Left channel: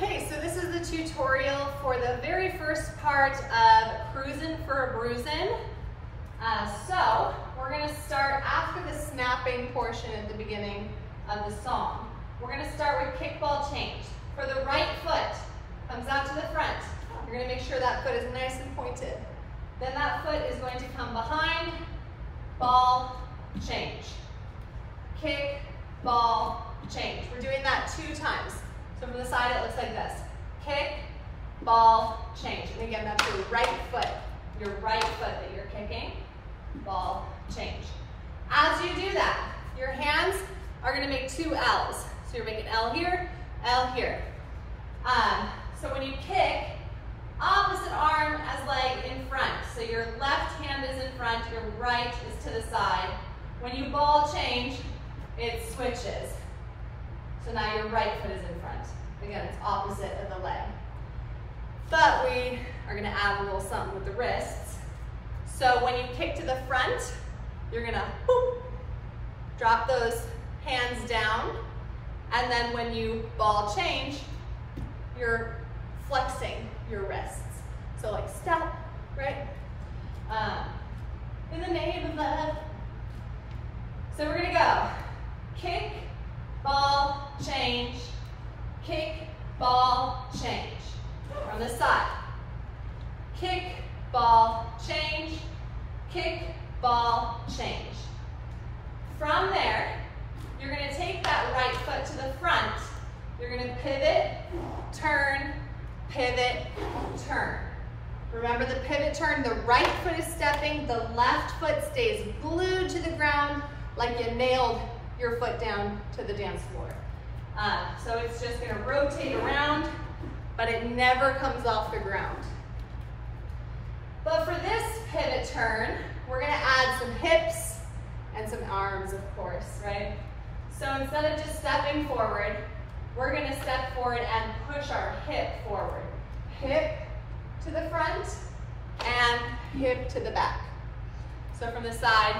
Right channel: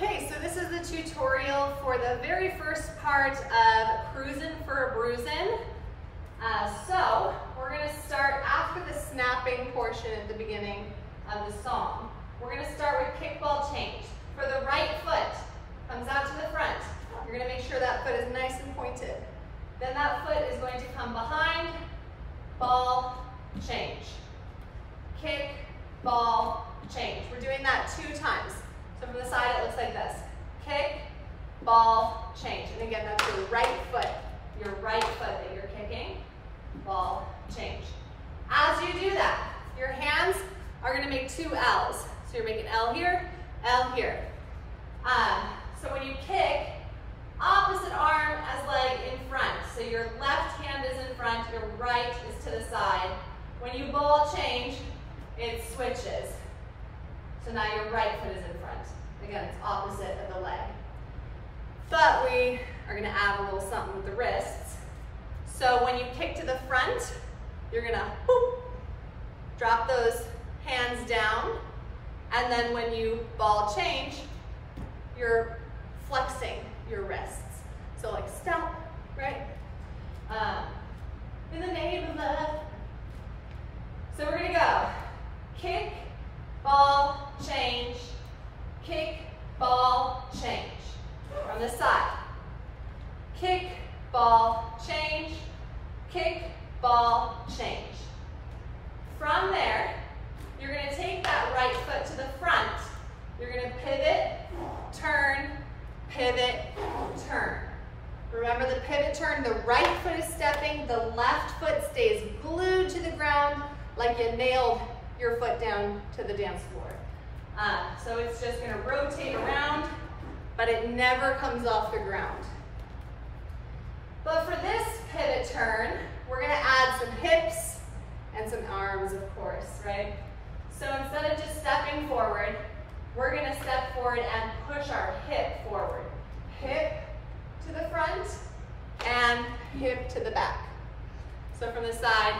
Okay, so this is the tutorial for the very first part of cruisin' for a bruisin'. So we're going to start after the snapping portion at the beginning of the song. We're going to start with kickball change. For the right foot, comes out to the front. You're going to make sure that foot is nice and pointed. Then that foot is going to come behind, ball, change. Kick, ball, change. We're doing that 2 times. So from the side it looks like this. Kick, ball, change. And again, that's your right foot that you're kicking, ball, change. As you do that, your hands are going to make 2 L's. So you're making L here, L here. So when you kick, opposite arm as leg in front. So your left hand is in front, your right is to the side. When you ball change, it switches. So now your right foot is in front. Again, it's opposite of the leg. But we are going to add a little something with the wrists. So when you kick to the front, you're going to boop, drop those hands down. And then when you ball change, you're flexing your wrists. So like stop, right? In the name of love. So we're going to go kick, ball, change, kick, ball, change. From the side. Kick, ball, change, kick, ball, change. From there, you're going to take that right foot to the front. You're going to pivot, turn, pivot, turn. Remember the pivot turn, the right foot is stepping, the left foot stays glued to the ground like you nailed your foot down to the dance floor. So it's just going to rotate around, but it never comes off the ground. But for this pivot turn, we're going to add some hips and some arms, of course, right? So instead of just stepping forward, we're going to step forward and push our hip forward. Hip to the front and hip to the back. So from the side,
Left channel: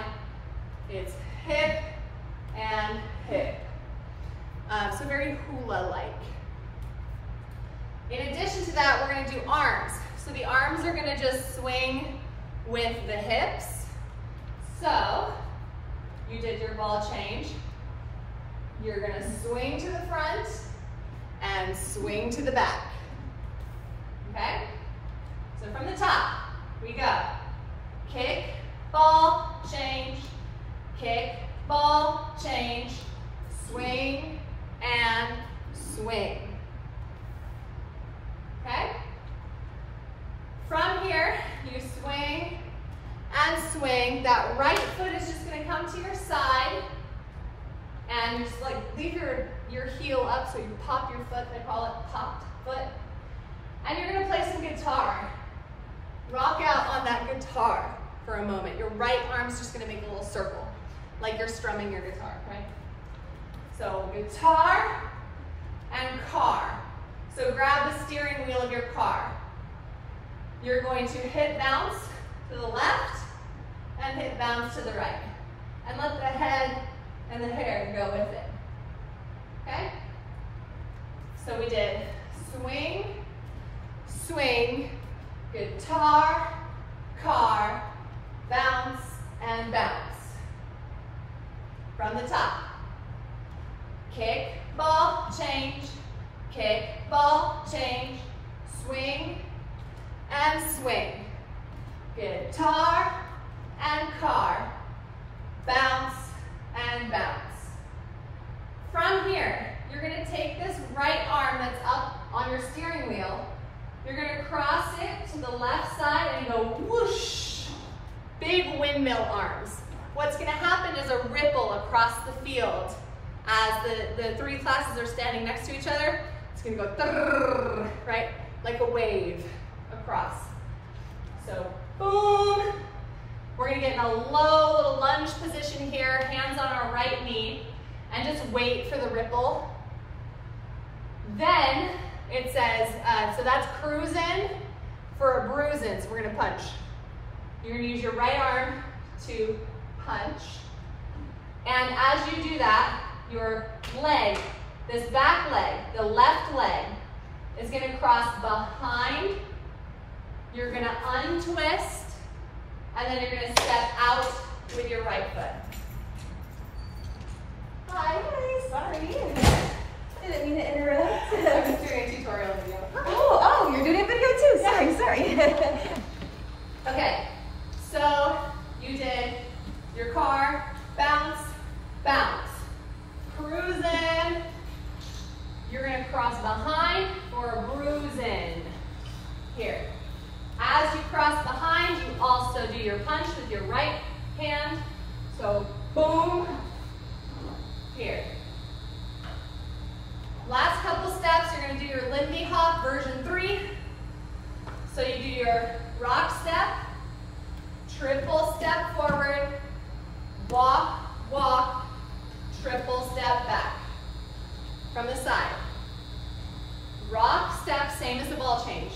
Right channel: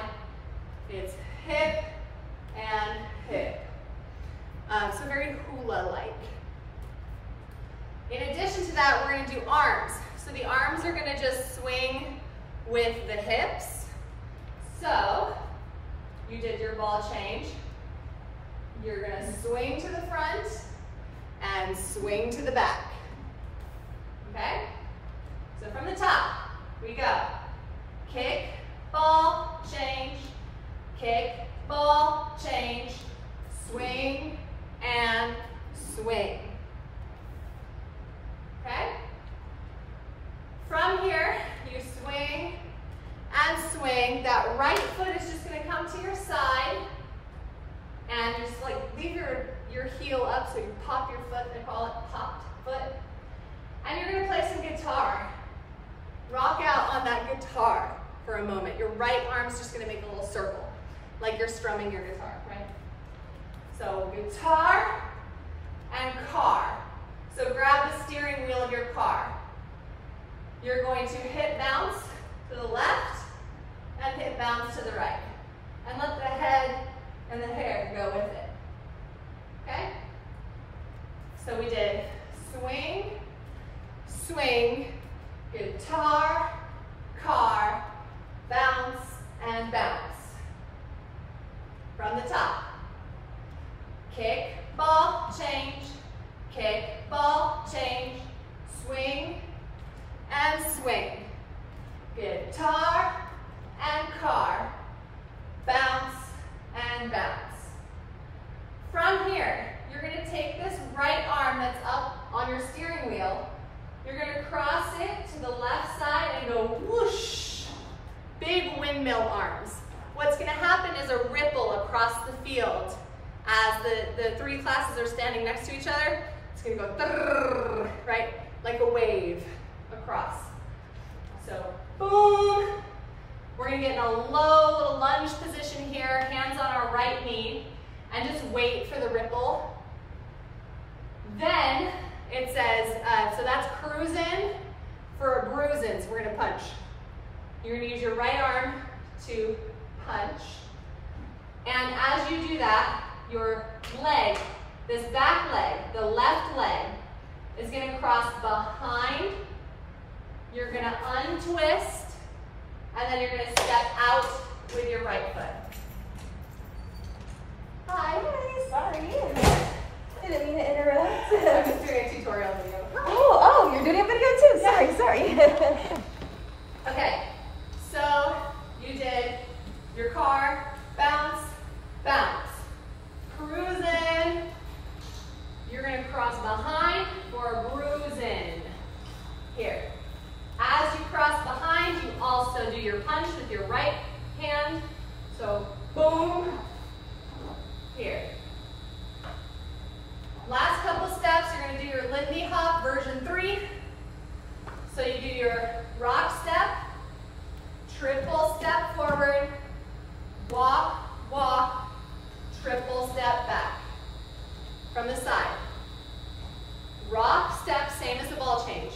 it's hip and hip. So very hula-like. In addition to that, we're going to do arms. So the arms are going to just swing with the hips. So you did your ball change. You're going to swing to the front and swing to the back. Okay? So from the top, we go. Kick, ball, change, kick, ball, change, swing, and swing. Okay? From here, you swing and swing. That right foot is just going to come to your side and just like leave your heel up so you pop your foot. I call it popped foot. And you're going to play some guitar. Rock out on that guitar for a moment. Your right arm's just going to make a little circle like you're strumming your guitar, right? So guitar and car. So grab the steering wheel of your car. You're going to hip bounce to the left and hip bounce to the right. And let the head and the hair go with it. Okay? So we did swing, swing, guitar, car, bounce, and bounce. From the top. Kick, ball, change, kick, ball, change, swing, and swing. Guitar and car, bounce and bounce. From here, you're going to take this right arm that's up on your steering wheel, you're going to cross it to the left side and go whoosh, big windmill arms. What's going to happen is a ripple across the field as the 3 classes are standing next to each other. It's going to go thrrr, right, like a wave across. So boom. We're going to get in a low little lunge position here, hands on our right knee, and just wait for the ripple. Then it says, so that's cruisin' for a bruisin', so we're going to punch. You're going to use your right arm to punch. And as you do that, your leg, this back leg, the left leg, is gonna cross behind. You're gonna untwist, and then you're gonna step out with your right foot. Hi, sorry. Didn't mean to interrupt. I'm just doing a tutorial video. Oh, you're doing a video too. Sorry. Okay, so you did your car, bounce, bounce. Cruisin'. You're gonna cross behind for a bruisin'. Here. As you cross behind, you also do your punch with your right hand. So boom, here. Last couple steps, you're gonna do your Lindy Hop version 3. So you do your rock step, triple step forward, walk, walk, triple step back from the side. Rock step, same as the ball change.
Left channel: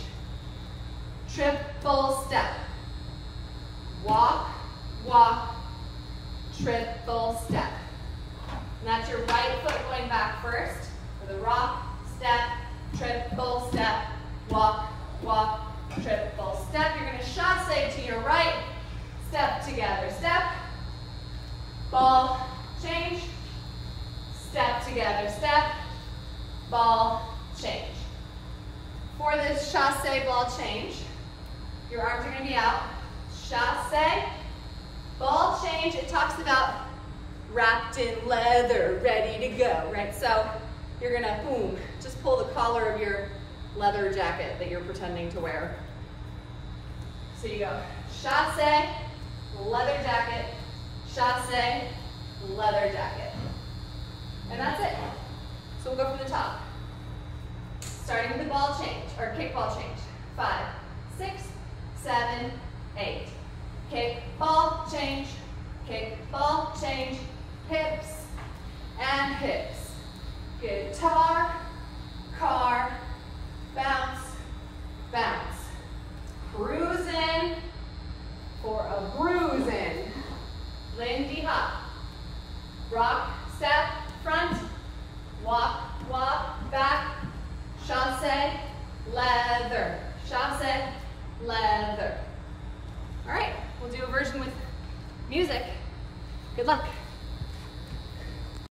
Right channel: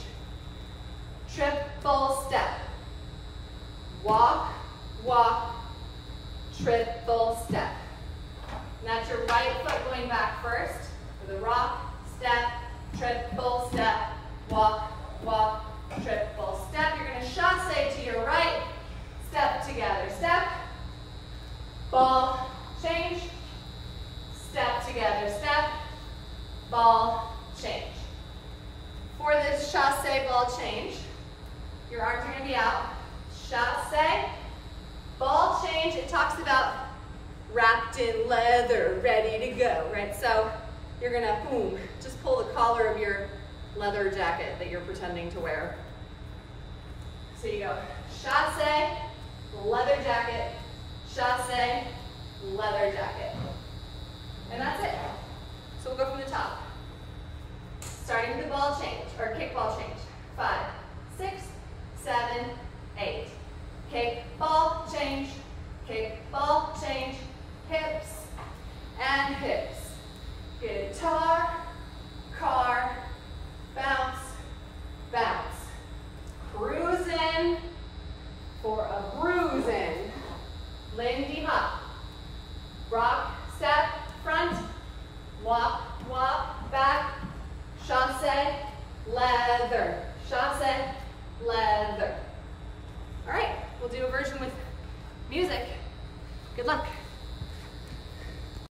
Triple step. Walk, walk, triple step. And that's your right foot going back first for the rock, step, triple step, walk, walk, triple step. You're going to chasse to your right, step together, step, ball, change, step together, step, ball, change. For this chasse ball change, your arms are going to be out. Chasse, ball change, it talks about wrapped in leather, ready to go, right? So you're going to, boom, just pull the collar of your leather jacket that you're pretending to wear. So you go chasse, leather jacket, chasse, leather jacket. And that's it. So we'll go from the top. Starting with the ball change, or kick ball change. 5, 6, 7, 8. Kick ball change, hips and hips. Guitar, car, bounce, bounce. Cruisin' for a bruisin'. Lindy Hop. Rock, step, front, walk, walk, back, chasse, leather, chasse, leather. All right, we'll do a version with music. Good luck.